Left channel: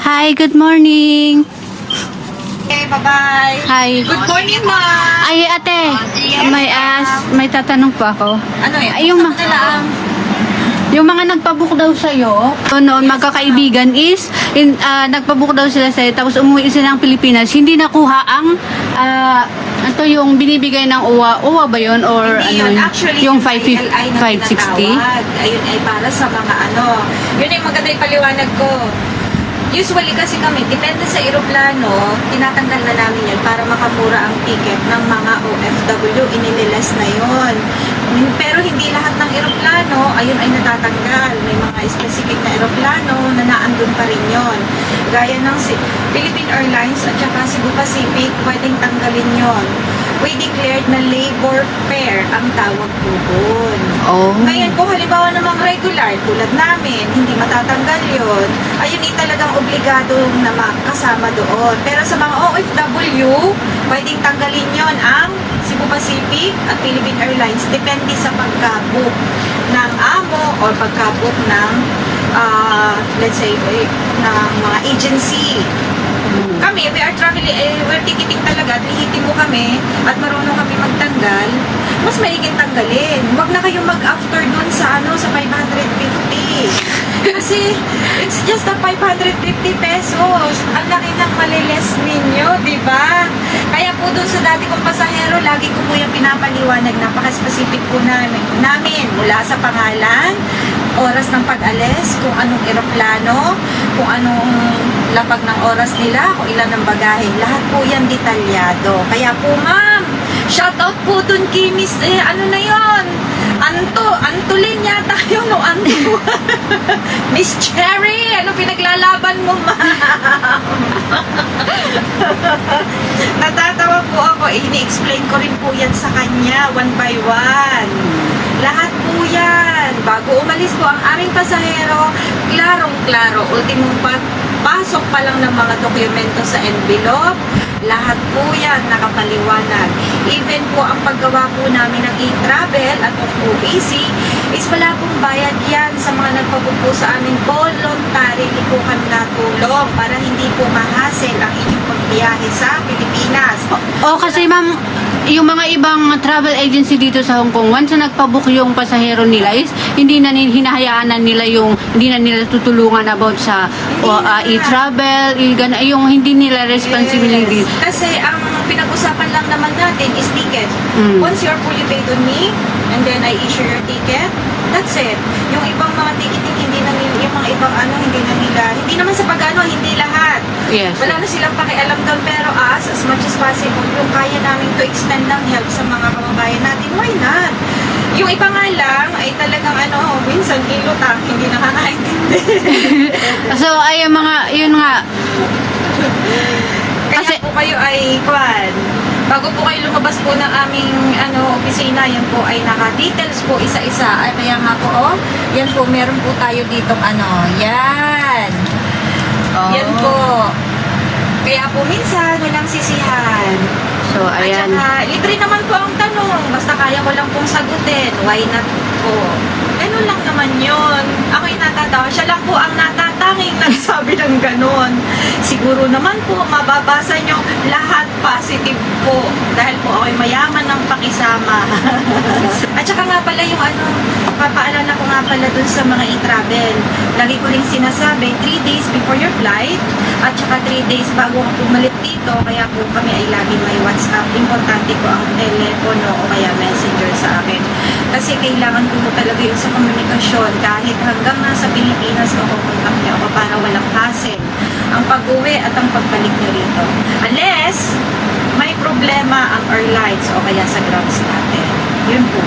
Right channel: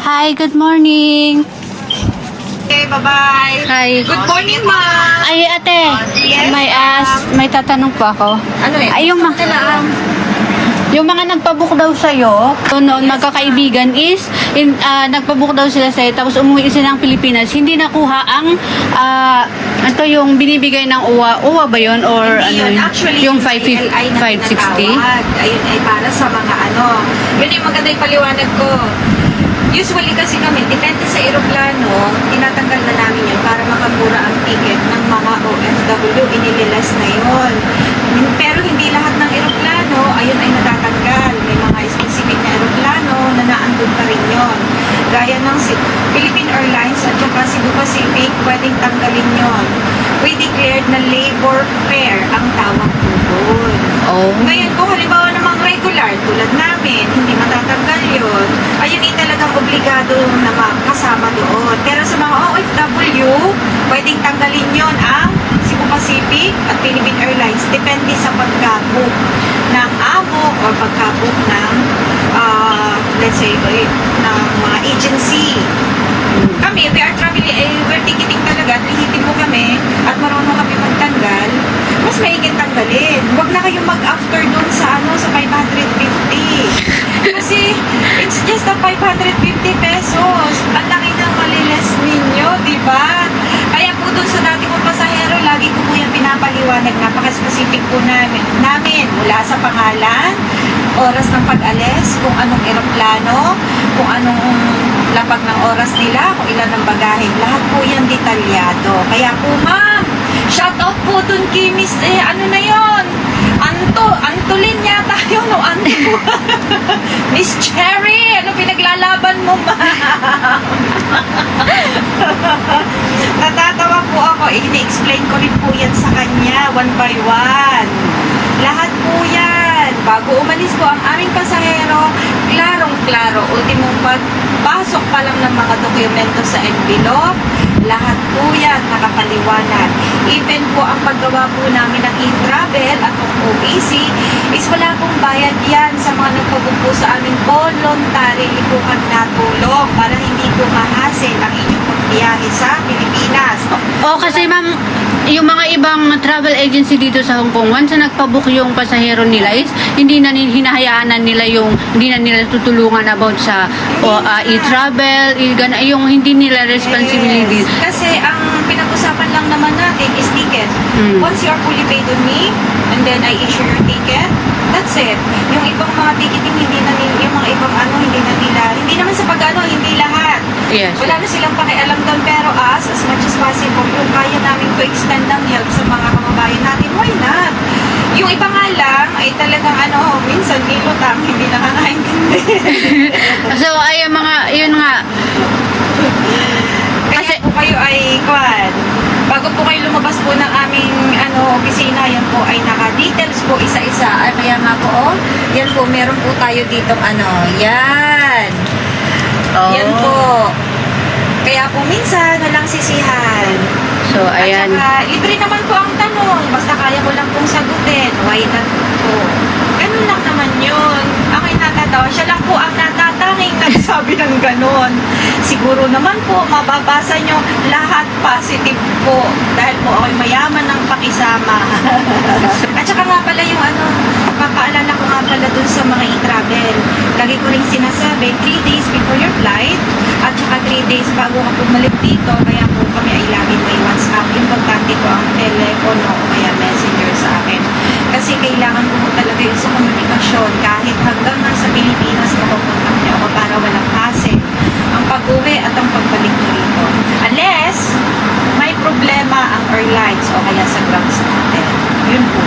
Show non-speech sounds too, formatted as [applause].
Hi, good morning. Okay, bye-bye. Hi. Good morning, ma'am. Ay, ate, Yes, may as, may tatanong po ako. Ano yun? Ay, yung mga, yung mga nagpabook daw sa'yo, noon magkakaibigan is, in, ah, nagpabook daw sila sa'yo, tapos umuwi sila ng Pilipinas, hindi nakuha ang, ah, ito yung binibigay ng UWA, UWA ba yun? Or Hindi ano? yun. Actually, yung yung 550 CLI na 560? tinatawag. Ayun ay para sa mga ano. Yun yung maganda yung paliwanag ko. Usually kasi kami, depende sa eroplano, tinatanggal na namin yun para makamura ang ticket ng mga OFW. Inibilas na yun. Pero hindi lahat ng eroplano, ayun ay natatanggal. May mga specific na eroplano na naandun pa rin yun. Gaya ng si Philippine Airlines at saka Cebu Pacific, pwedeng tanggalin yon. We declared na labor fare ang tawag po doon. Oh. Ngayon, kung halimbawa namang regular, tulad namin, hindi matatanggal yun, ayun ay talagang obligado na makasama doon. Pero sa mga OFW, pwedeng tanggalin yon ang Cebu Pacific at Philippine Airlines. Depende sa pagka-book ng amo or pagka-book ng, ah, let's say, eh, ng mga agency. Kami, we are traveling, eh, we're ticketing talaga, hihitin mo kami at marunong kami magtanggal, mas maiging tanggalin. Huwag na kayong mag-after dun sa ano, sa 550. [laughs] Kasi, it's just a 550 pesos. Ang laki ng maliles ninyo, di ba? Kaya po dun sa dati kong pasahero, lagi ko po yung pinapaliwanag, napaka-specific po namin, namin mula sa pangalan, oras ng pag-alis, kung anong eroplano, kung anong lapag ng oras nila, kung ilan ang bagahe. Lahat po yan detalyado. Kaya po, ma'am, shout out po dun kay Miss, eh, ano na yon Anto, Antolin yata [laughs] yun, o Anto. [laughs] Miss Cherry, ano pinaglalaban mo, ma'am? [laughs] Natatawa po ako. Eh, Ini-explain ko rin po yan sa kanya, one by one. Lahat po yan. Bago umalis po ang aming pasahero, klarong-klaro. Ultimong pagpasok pa lang ng mga dokumento sa envelope, lahat po yan nakapaliwanag. Even po ang paggawa po namin ng e-travel at ng OAC is wala pong bayad yan sa mga nagpag po sa aming voluntary po kami natulong para hindi po mahasil ang inyong pagbiyahe sa Pilipinas. Oh, kasi ma'am, yung mga ibang travel agency dito sa Hong Kong, once na nagpabook yung pasahero nila is, hindi na hinahayaan na nila yung, hindi na nila tutulungan about sa o, ah, e-travel, gana- yung hindi nila responsibility. Yes. Kasi ang pinag-usapan lang naman natin is ticket. Mm. Once you're fully paid on me, and then I issue your it. Yung ibang mga ticketing, hindi na yung mga ibang ano, hindi na nila, hindi naman sa pag-ano, hindi lahat. Yes. Wala na silang pakialam doon, pero us, as much as possible, yung kaya namin to extend ng help sa mga kababayan natin, why not? Yung iba nga lang, ay talagang ano, minsan kilotang, hindi nakakaintindi. [laughs] So, ay, yung mga, yun nga, Kaya Kasi- po kayo ay, kwan, bago po kayo lumabas po ng aming ano, opisina, yan po ay naka-details po isa-isa. Ay, kaya nga po, oh, yan po, meron po tayo ditong ano, yan. oh, Yan po. Kaya po minsan, walang sisihan. So, ayan. At saka, libre naman po ang tanong. Basta kaya ko lang pong sagutin. Why not po? Ganun lang naman yun. Ako'y natatawa. Siya lang po ang natatanging [laughs] nagsabi ng ganun. Siguro naman po, mababasa nyo lahat positive po. Dahil po ako'y mayaman ng pakisama. [laughs] At saka nga pala yung ano, papaalala ko nga pala dun sa mga e-travel. Lagi ko rin sinasabi, 3 days before your flight, at saka 3 days bago ka bumalik dito, kaya po kami ay laging may WhatsApp. Importante po ang telepono o kaya messenger sa akin. Kailangan ko po talaga yung sa komunikasyon. Kahit hanggang nasa Pilipinas, mapupuntak niyo ako para walang hassle. Ang pag-uwi at ang pagbalik niyo rito. Unless, may problema ang airlines o kaya sa grounds natin. Yun po.